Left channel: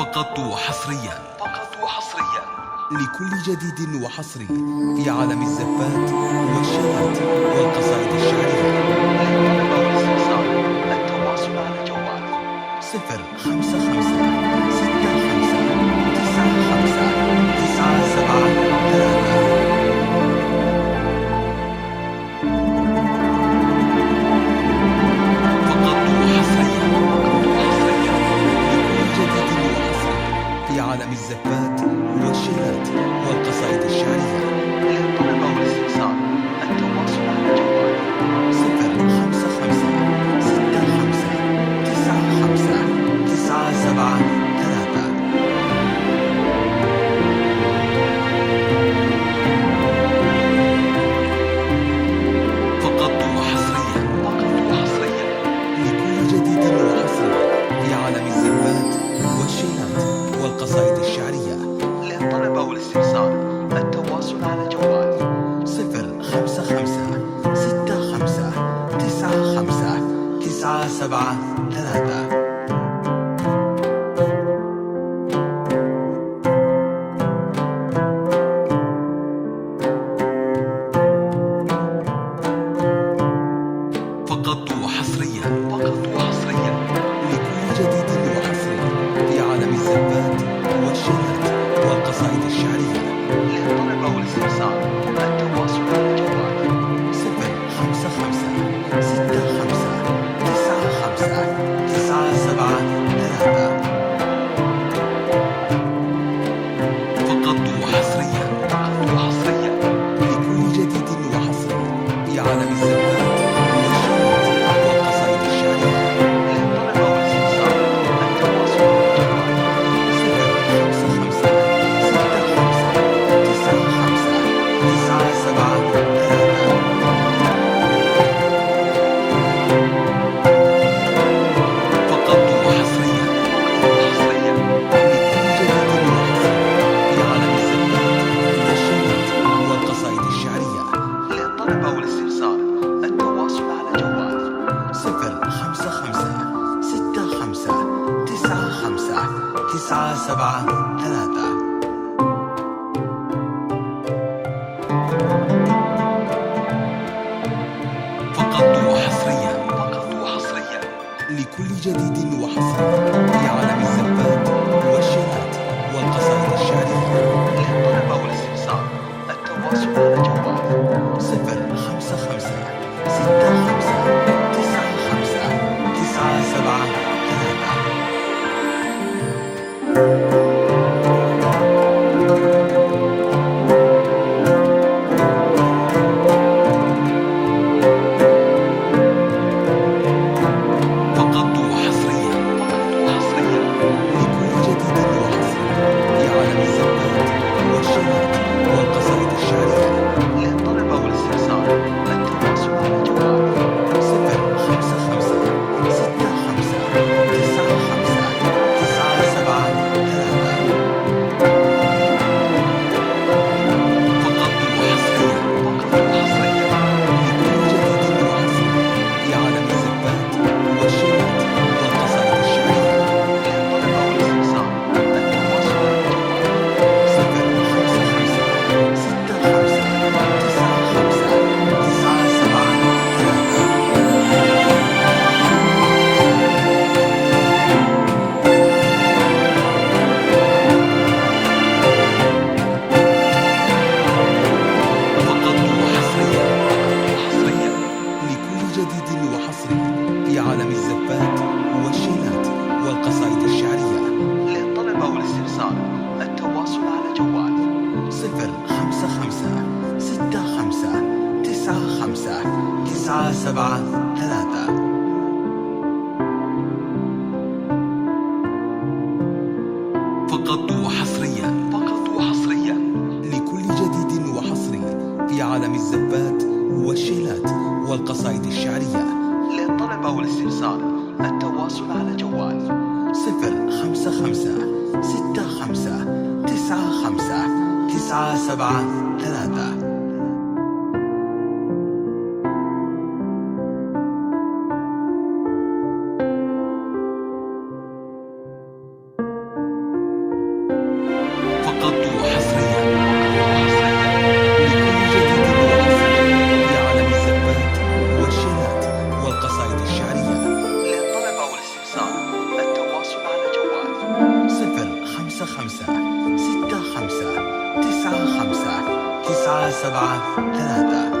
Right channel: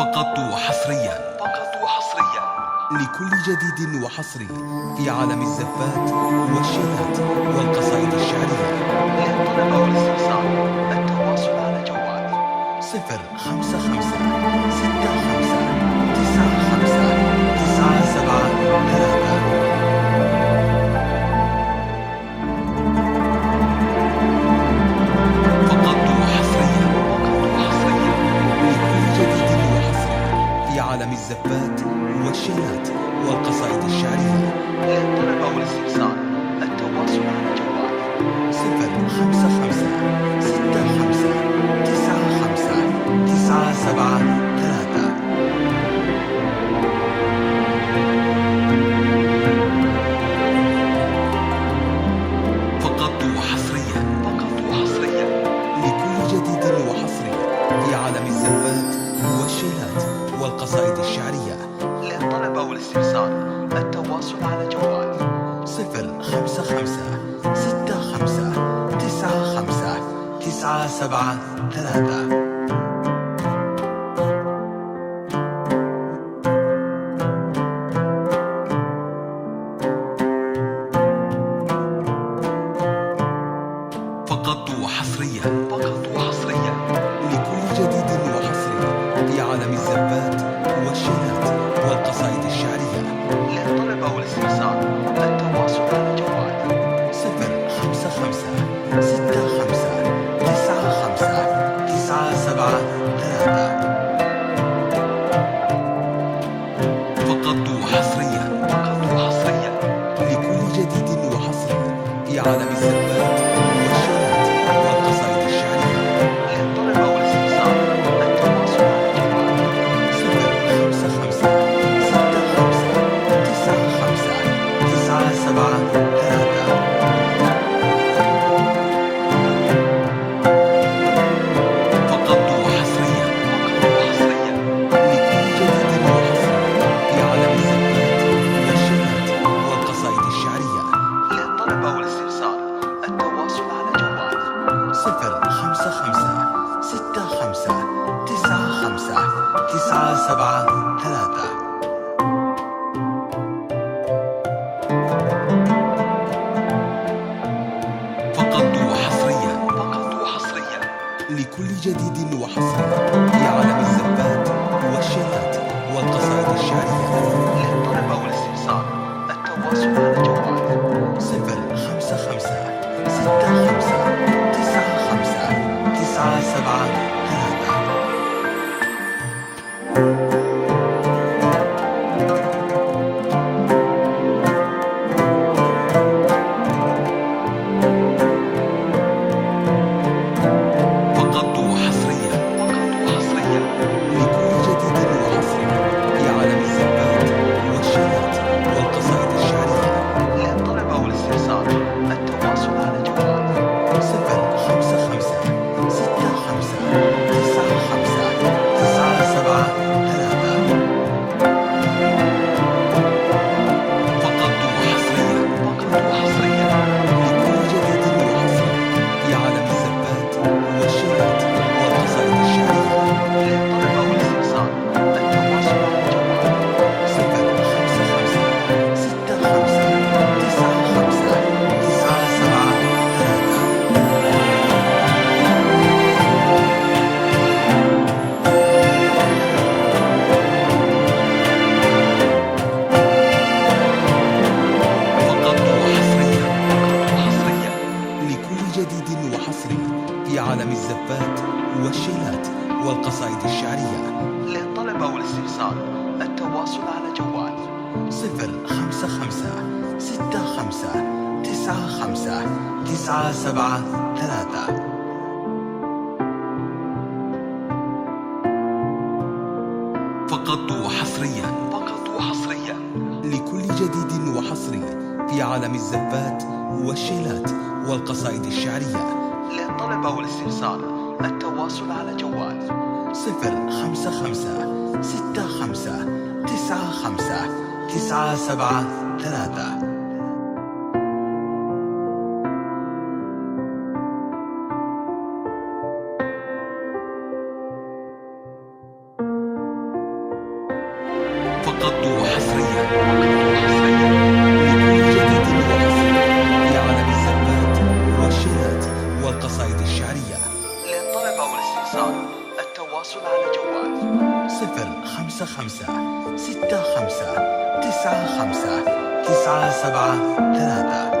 فقط وحصريا لكل جديد وحصري في عالم الزفات والشيلات والقصائد الشعرية. للطلب والاستفسار التواصل على جوال 055 65 95 973. في عالم الزفات والشيلات والقصائد الشعرية. للطلب والاستفسار التواصل على جوال 055 65 95 973. فقط وحصريا لكل جديد وحصري في عالم الزفات والشيلات والقصائد الشعرية. للطلب والاستفسار التواصل على جوال 055 65 95 973. فقط وحصريا لكل جديد وحصري في عالم الزفات والشيلات والقصائد الشعرية. للطلب والاستفسار التواصل على جوال 055 65 95 973. فقط وحصريا لكل جديد وحصري في عالم الزفات والشيلات والقصائد الشعرية. للطلب والاستفسار التواصل على جوال 055 65 95 973. فقط وحصريا لكل جديد وحصري في عالم الزفات والشيلات والقصائد الشعرية. للطلب والاستفسار التواصل على جوال 055 65 95 973. فقط وحصريا لكل جديد وحصري في عالم الزفات والشيلات والقصائد الشعرية. للطلب والاستفسار التواصل على جوال 055 65 95 973. فقط وحصريا لكل جديد وحصري في عالم الزفات والشيلات والقصائد الشعرية. للطلب والاستفسار التواصل على جوال 055 65 95 973. فقط وحصريا لكل جديد وحصري في عالم الزفات والشيلات والقصائد الشعرية. للطلب والاستفسار التواصل على جوال 055 65 95 973. فقط وحصريا لكل جديد وحصري في عالم الزفات والشيلات والقصائد الشعرية. للطلب والاستفسار التواصل على جوال 055 65 95 973. فقط وحصريا لكل جديد وحصري في عالم الزفات والشيلات والقصائد الشعرية. للطلب والاستفسار التواصل على جوال 055 65 95 973. وقضوا حصريا حصريا لكل جديد وحصري في عالم الزفات والشيلات والقصائد الشعرية. للطلب أو الاستفسار التواصل على جوال 055 65 95 97 3